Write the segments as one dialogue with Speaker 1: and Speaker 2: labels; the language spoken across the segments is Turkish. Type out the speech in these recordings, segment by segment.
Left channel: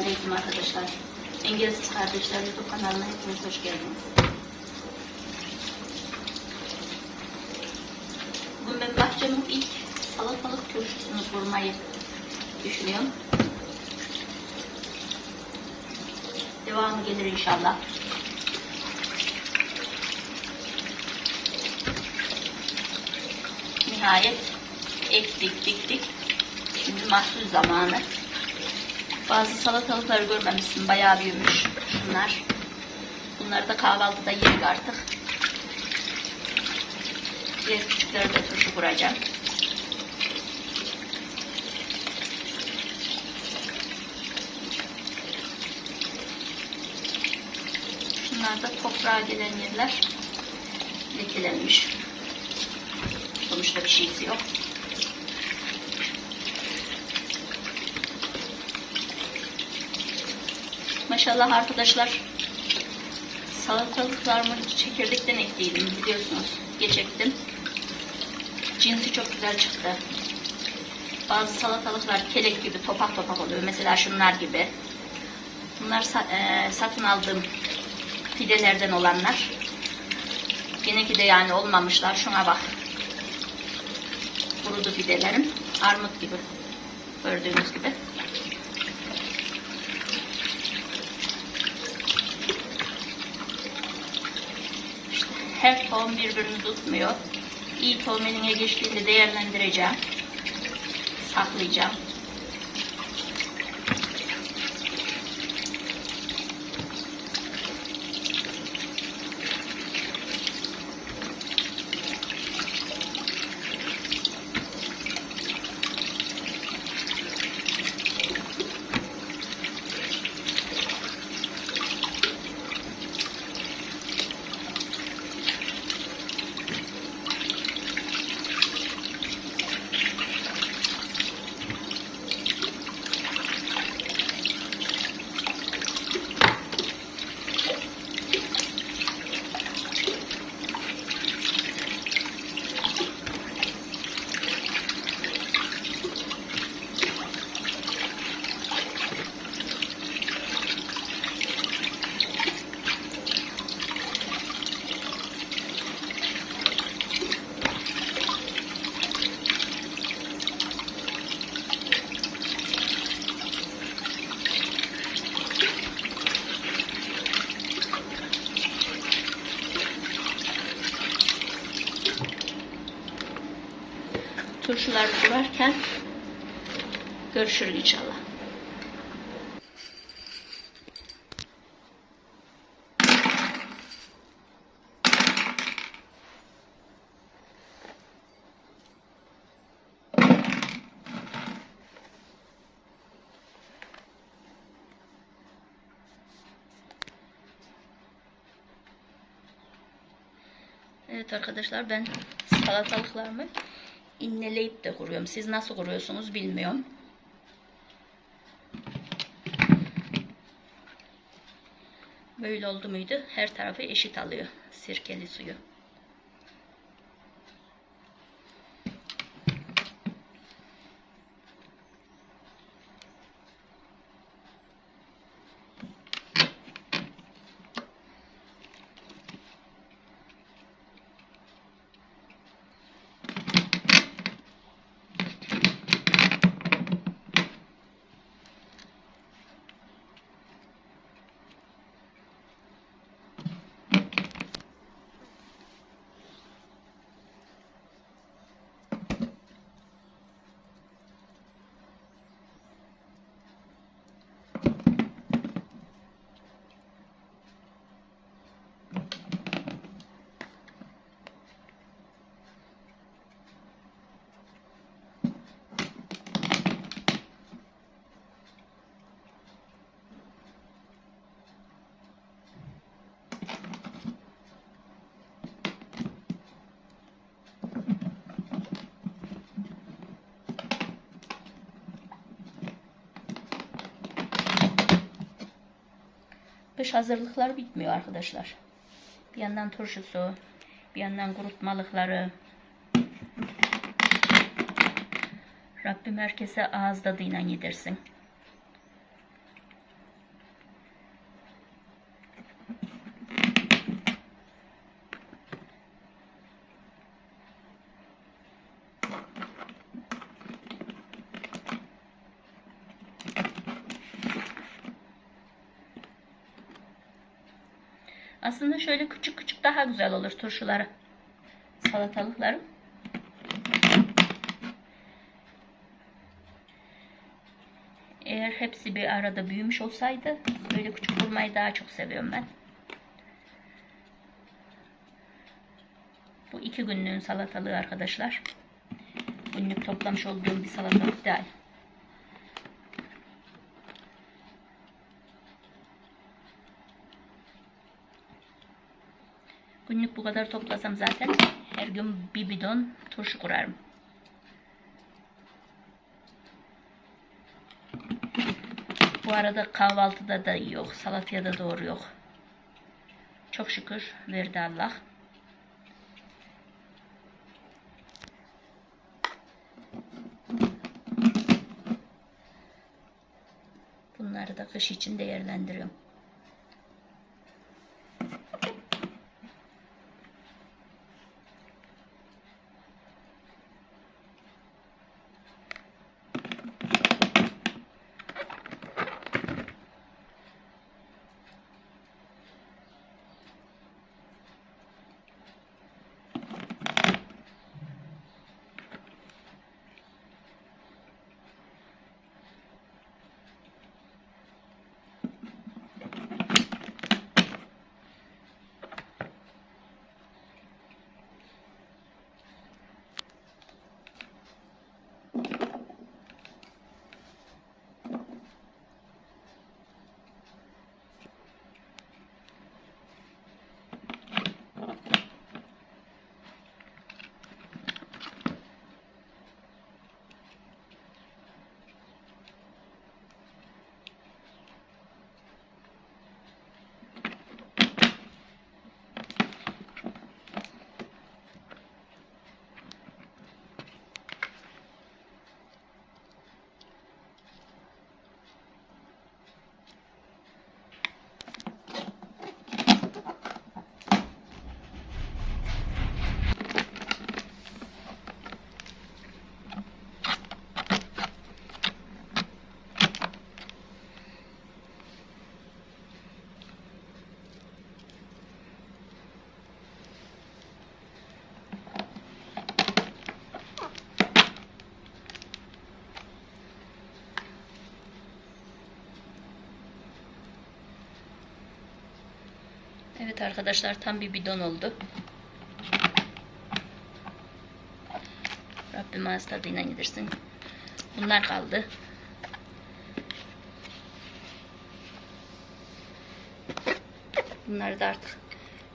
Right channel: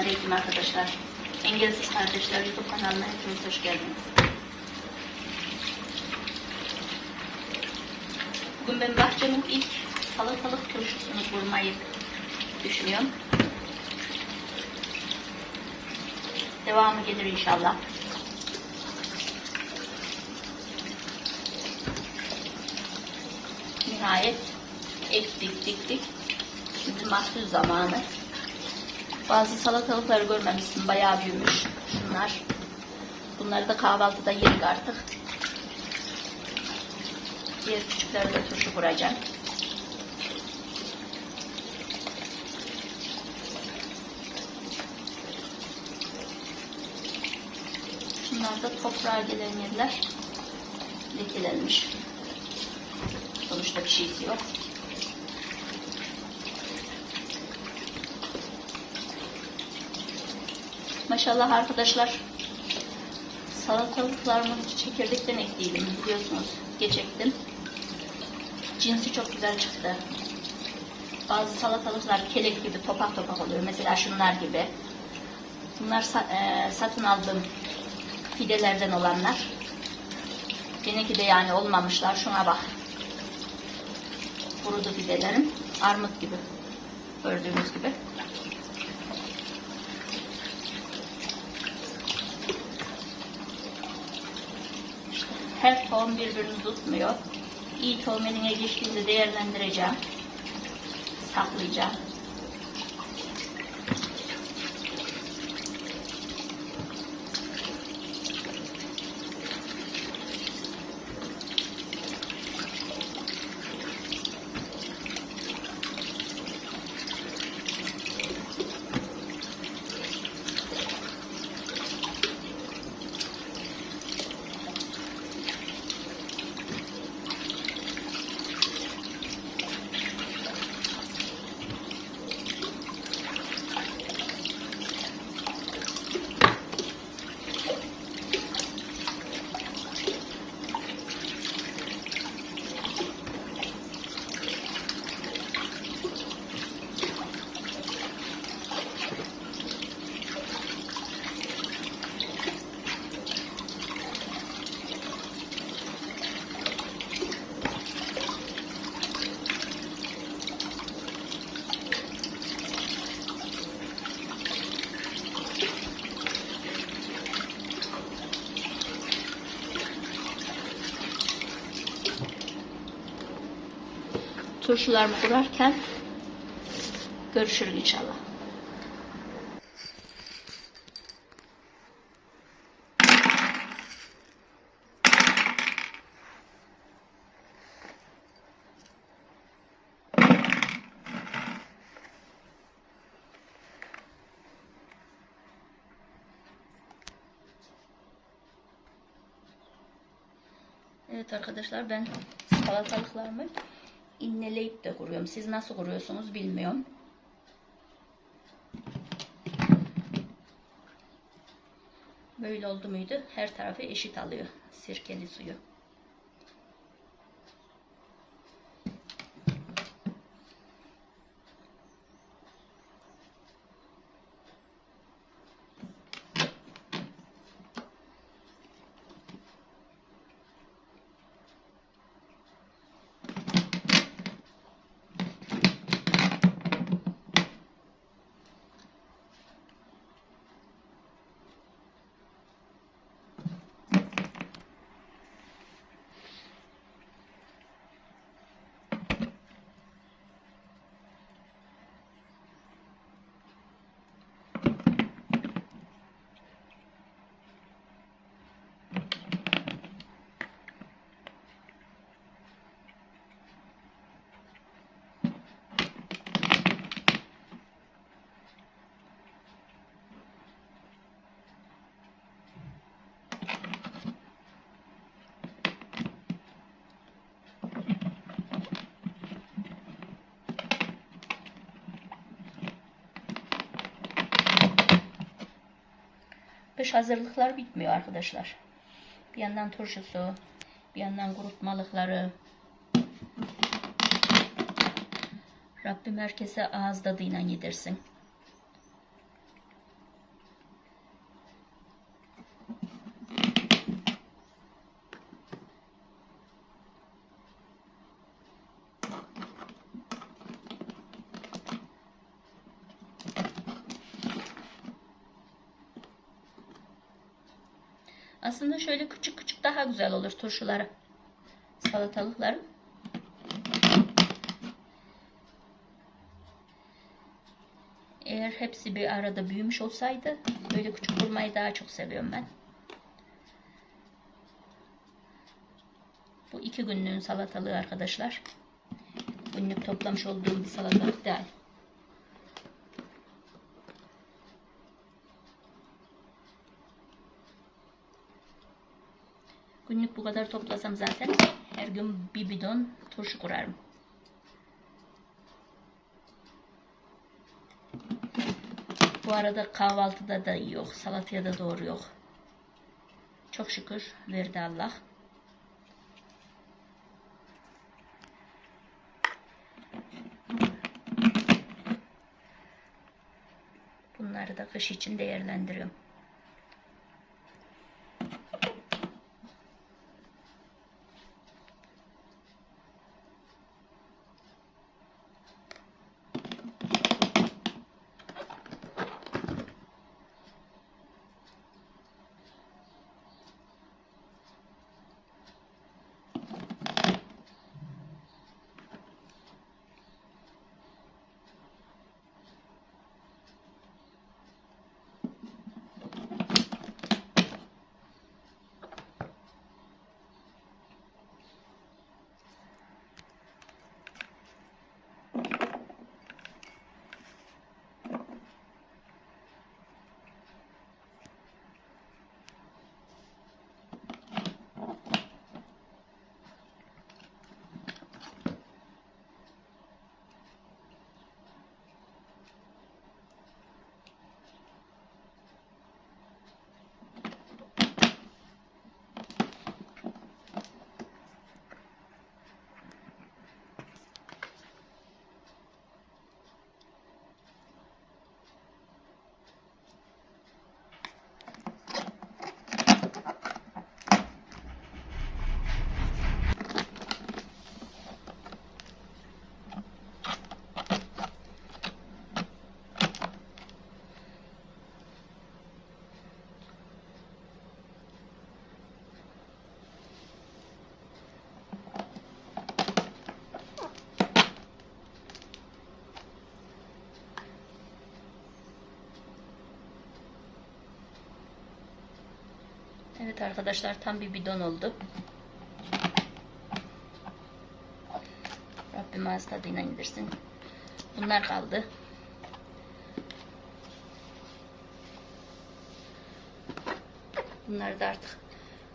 Speaker 1: Selamünaleyküm arkadaşlar. Engelsiz Kardeşler YouTube kanalına hepiniz hoş geldiniz. Bugün ben bahçemin ilk salatalık turşusunu kurmayı düşünüyorum. Devamı gelir inşallah. Nihayet ektik diktik. Şimdi mahsul zamanı. Bazı salatalıkları görmemişsin. Bayağı büyümüş. Şunlar. Bunları da kahvaltıda yedik artık. Diğer küçükleri de turşu kuracağım. Şunlar da toprağa gelen yerler lekelenmiş. Sonuçta bir şeysi yok. Maşallah arkadaşlar salatalıklarımı çekirdekten ekliydim biliyorsunuz. Geç. Cinsi çok güzel çıktı. Bazı salatalıklar kelek gibi topak topak oluyor. Mesela şunlar gibi. Bunlar e, satın aldığım fidelerden olanlar. Yine de yani olmamışlar. Şuna bak. Kurudu fidelerim. Armut gibi. Gördüğünüz gibi. Her tohum birbirini tutmuyor. İyi tohum eline değerlendireceğim. Saklayacağım. Turşular kurarken görüşürüz inşallah. Evet arkadaşlar ben salatalıklarımı inneleyip de kuruyorum. Siz nasıl kuruyorsunuz bilmiyorum. Böyle oldu muydu her tarafı eşit alıyor sirkeli suyu. Kış hazırlıklar bitmiyor arkadaşlar. Bir yandan turşusu, bir yandan kurutmalıkları. Rabbim herkese ağız tadıyla yedirsin. Aslında şöyle küçük küçük daha güzel olur turşuları. Salatalıklarım. Eğer hepsi bir arada büyümüş olsaydı böyle küçük vurmayı daha çok seviyorum ben. Bu iki günlüğün salatalığı arkadaşlar. Günlük toplamış olduğum bir salatalık değil. Günlük bu kadar toplasam zaten her gün bir bidon turşu kurarım. Bu arada kahvaltıda da yok, salataya da doğru yok. Çok şükür verdi Allah. Bunları da kış için değerlendiriyorum. Arkadaşlar tam bir bidon oldu. Rabbim ağız tadıyla yedirsin. Bunlar kaldı. Bunları da artık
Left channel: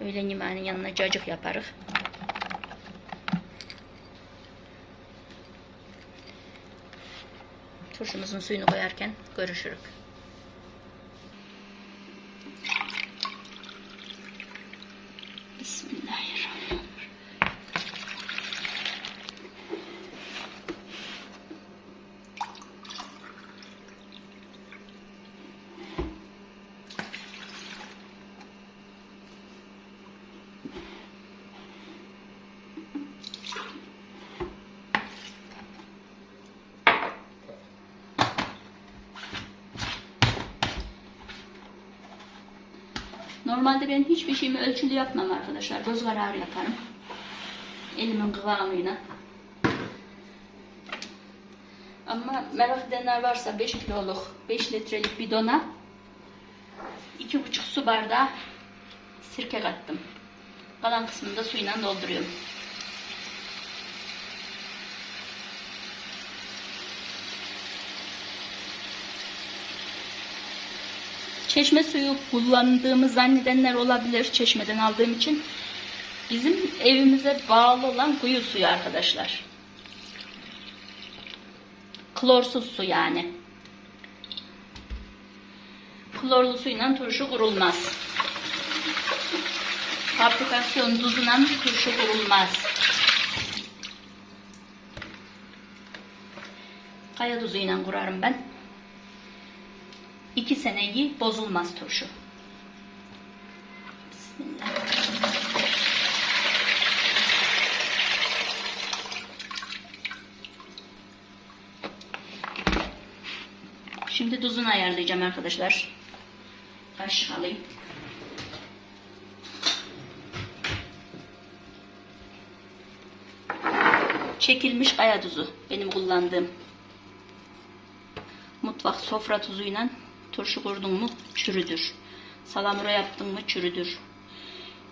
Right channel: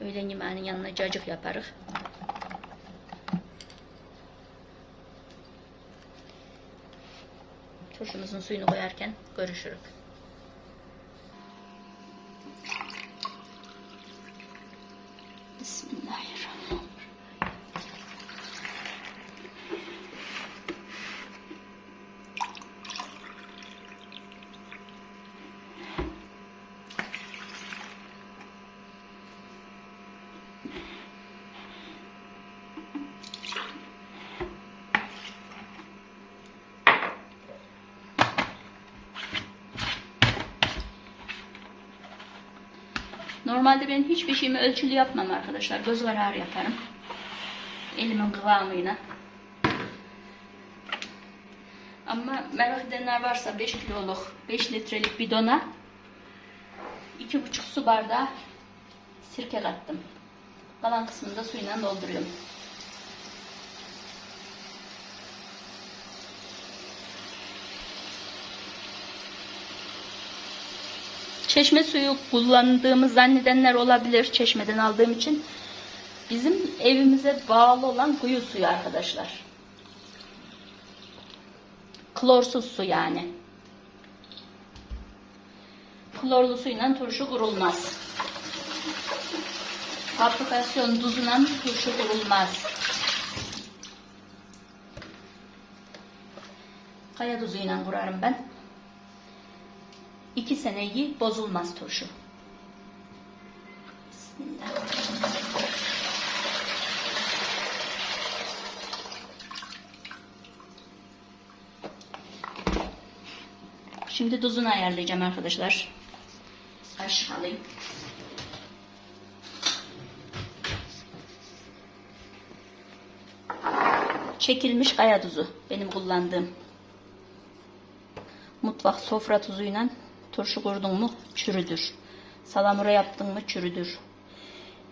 Speaker 1: öğlen yemeğinin yanına cacık yaparız. Turşumuzun suyunu koyarken görüşürüz. Normalde ben hiçbir şeyimi ölçülü yapmam arkadaşlar. Göz kararı yaparım. Elimin kıvamıyla. Ama merak edenler varsa 5 kiloluk 5 litrelik bidona 2,5 su bardağı sirke kattım. Kalan kısmını da suyla dolduruyorum. Çeşme suyu kullandığımı zannedenler olabilir çeşmeden aldığım için. Bizim evimize bağlı olan kuyu suyu arkadaşlar. Klorsuz su yani. Klorlu suyla turşu kurulmaz. Fabrikasyon tuzuyla turşu kurulmaz. Kaya tuzuyla kurarım ben. 2 seneyi bozulmaz turşu. Bismillah. Şimdi tuzunu ayarlayacağım arkadaşlar. Kaş alayım. Çekilmiş kaya tuzu benim kullandığım. Mutfak sofra tuzuyla turşu kurdun mu çürüdür. Salamura yaptın mı çürüdür.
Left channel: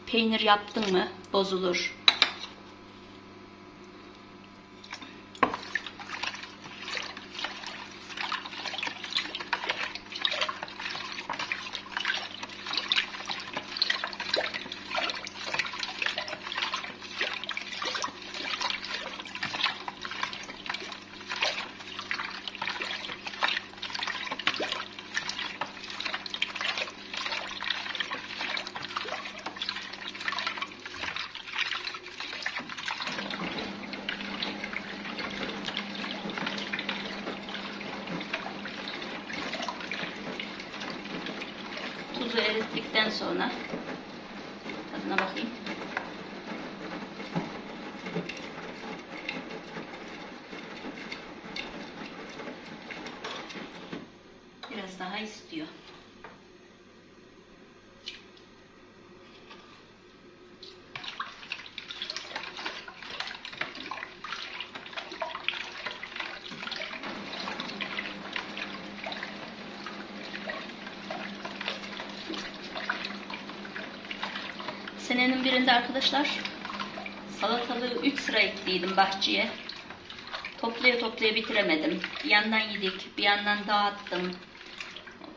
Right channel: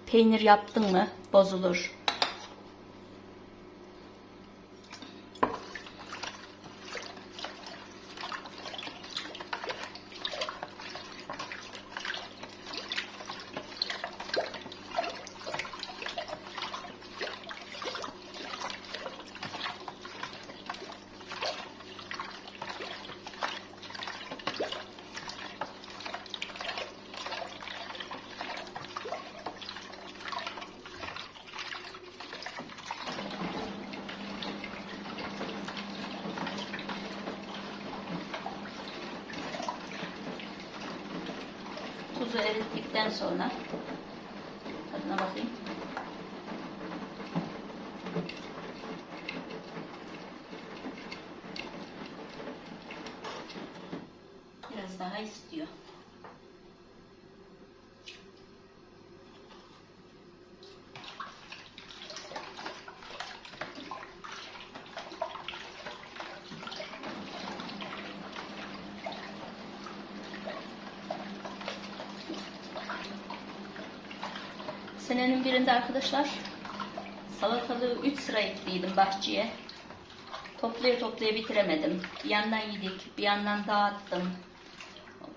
Speaker 1: Peynir yaptın mı bozulur. Tuzu erittikten sonra tadına bakayım. Biraz daha istiyor. Birinde arkadaşlar salatalığı 3 sıra ekliydim bahçeye. Toplaya toplaya bitiremedim. Bir yandan yedik, bir yandan dağıttım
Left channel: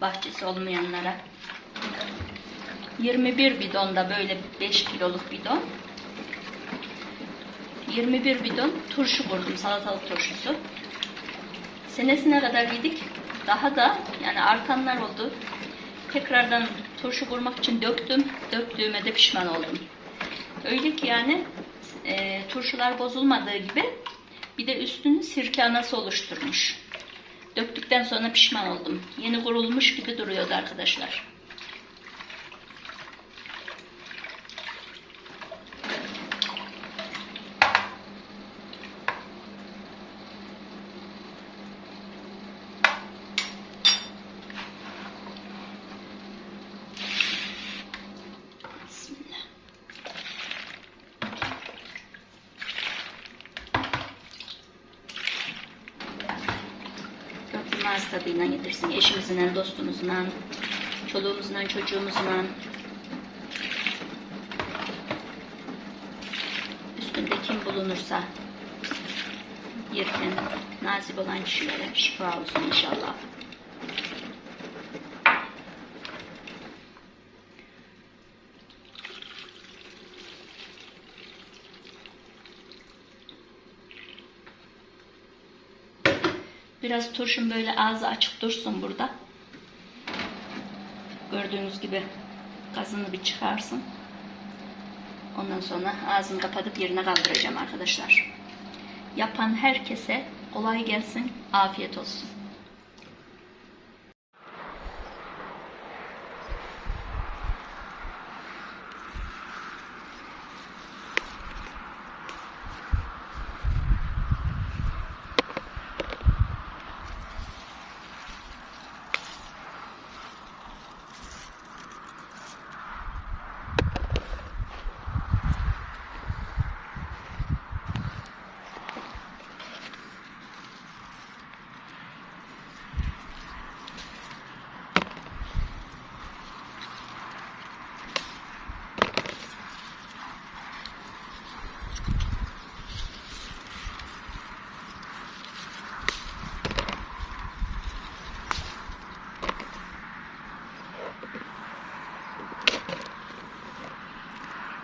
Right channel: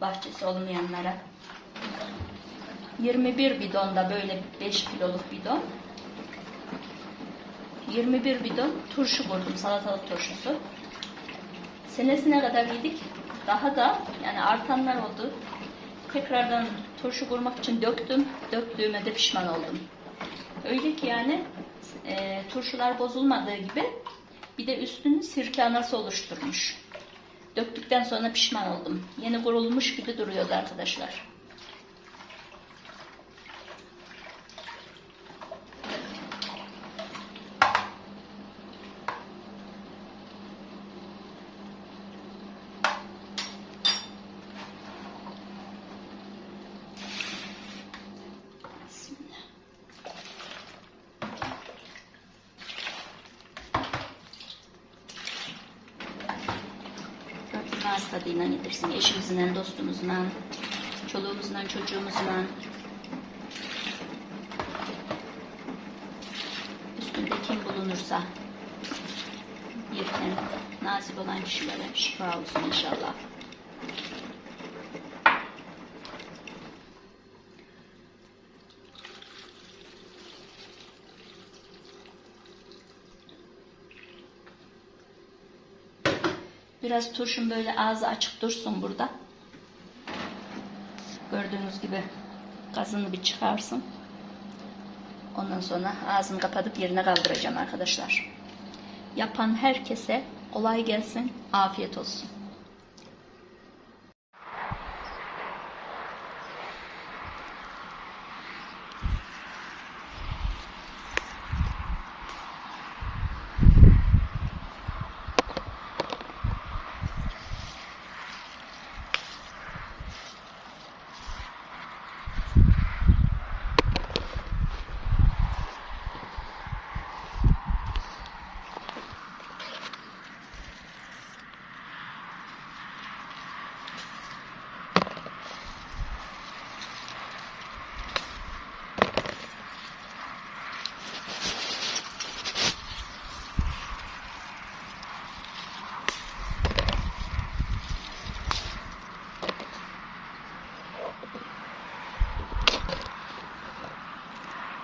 Speaker 1: bahçesi olmayanlara. 21 bidonda böyle 5 kiloluk bidon. 21 bidon turşu vurdum, salatalık turşusu. Senesine kadar yedik. Daha da yani artanlar oldu. Tekrardan turşu kurmak için döktüm. Döktüğüme de pişman oldum. Öyle ki yani e, turşular bozulmadığı gibi bir de üstünü sirke anası oluşturmuş. Döktükten sonra pişman oldum. Yeni kurulmuş gibi duruyordu arkadaşlar. Bismillah. Rabbim ağız tadıyla yedirsin. Eşimizle, dostumuzla, çoluğumuzla, çocuğumuzla. Üstünde kim bulunursa yerken nasip olan kişilere şifa olsun inşallah. Biraz turşum böyle ağzı açık dursun burada. Gördüğünüz gibi gazını bir çıkarsın. Ondan sonra ağzını kapatıp yerine kaldıracağım arkadaşlar. Yapan herkese kolay gelsin, afiyet olsun.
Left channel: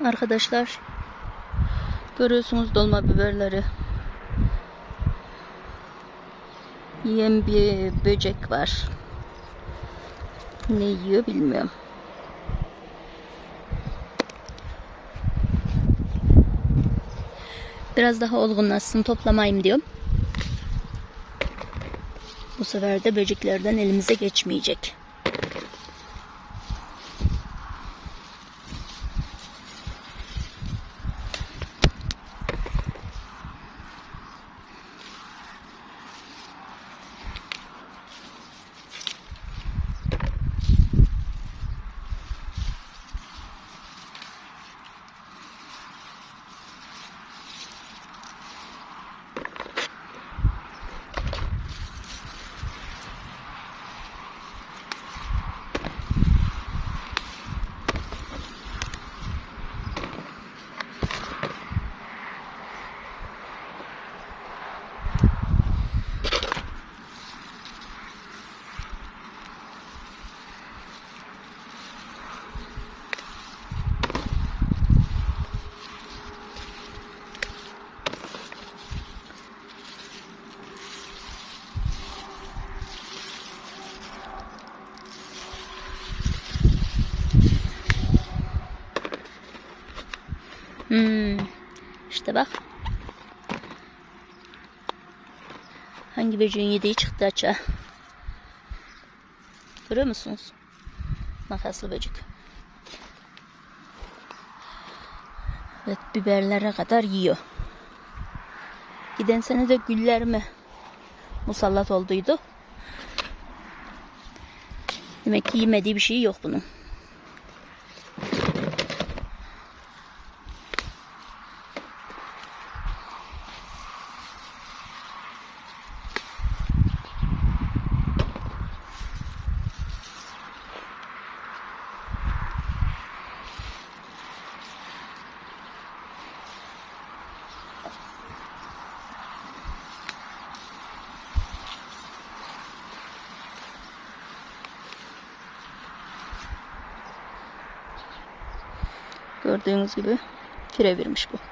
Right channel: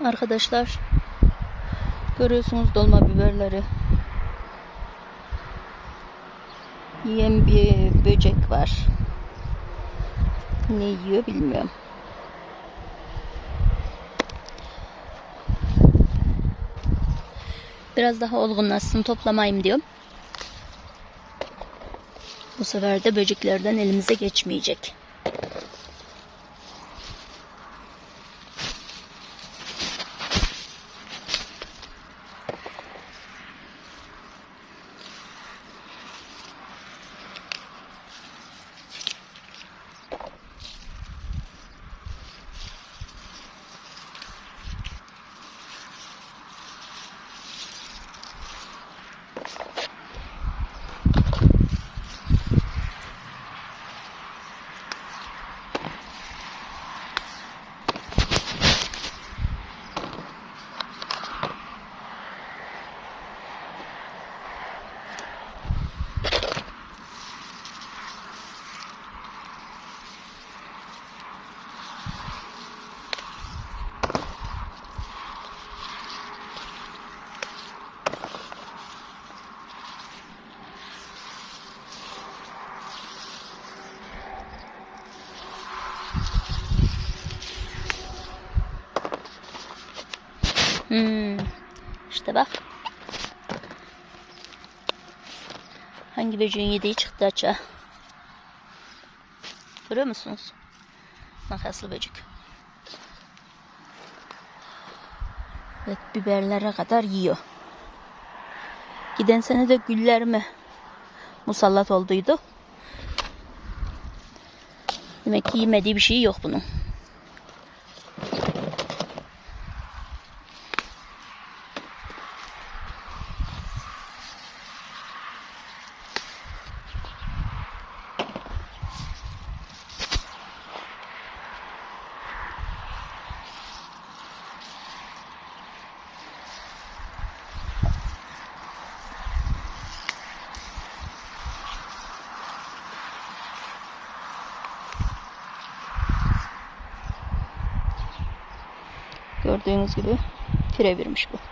Speaker 1: Arkadaşlar görüyorsunuz dolma biberleri. Yiyen bir böcek var. Ne yiyor bilmiyorum. Biraz daha olgunlaşsın toplamayayım diyorum. Bu sefer de böceklerden elimize geçmeyecek. İşte bak. Hangi böceğin yediği çıktı açığa. Görüyor musunuz? Makaslı böcek. Evet biberlere kadar yiyor. Giden sene de güller mi musallat olduydu. Demek ki yemediği bir şey yok bunun. Gördüğünüz gibi pirevirmiş bu.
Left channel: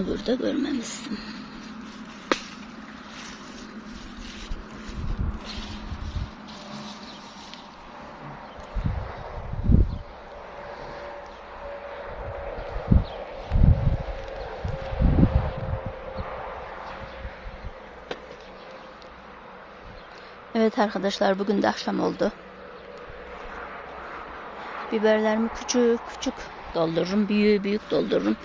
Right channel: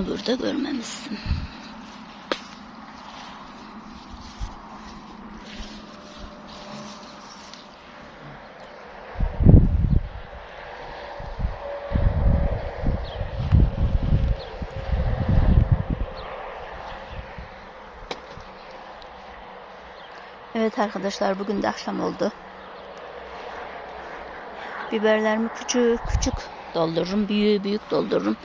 Speaker 1: Bunu burada görmemişsin. Evet arkadaşlar bugün de akşam oldu. Biberlerimi küçük küçük doldururum. Büyüğü büyük doldururum.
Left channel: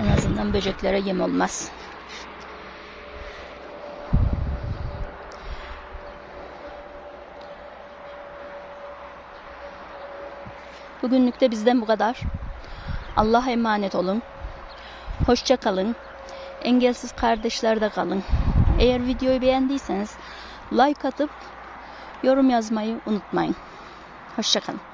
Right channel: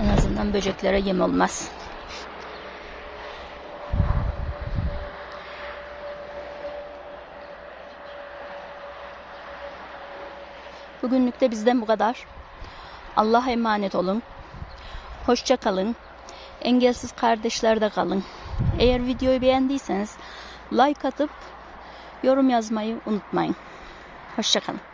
Speaker 1: En azından böceklere yem olmaz. Bugünlük de bizden bu kadar. Allah'a emanet olun. Hoşça kalın. Engelsiz kardeşlerde kalın. Eğer videoyu beğendiyseniz like atıp yorum yazmayı unutmayın. Hoşçakalın.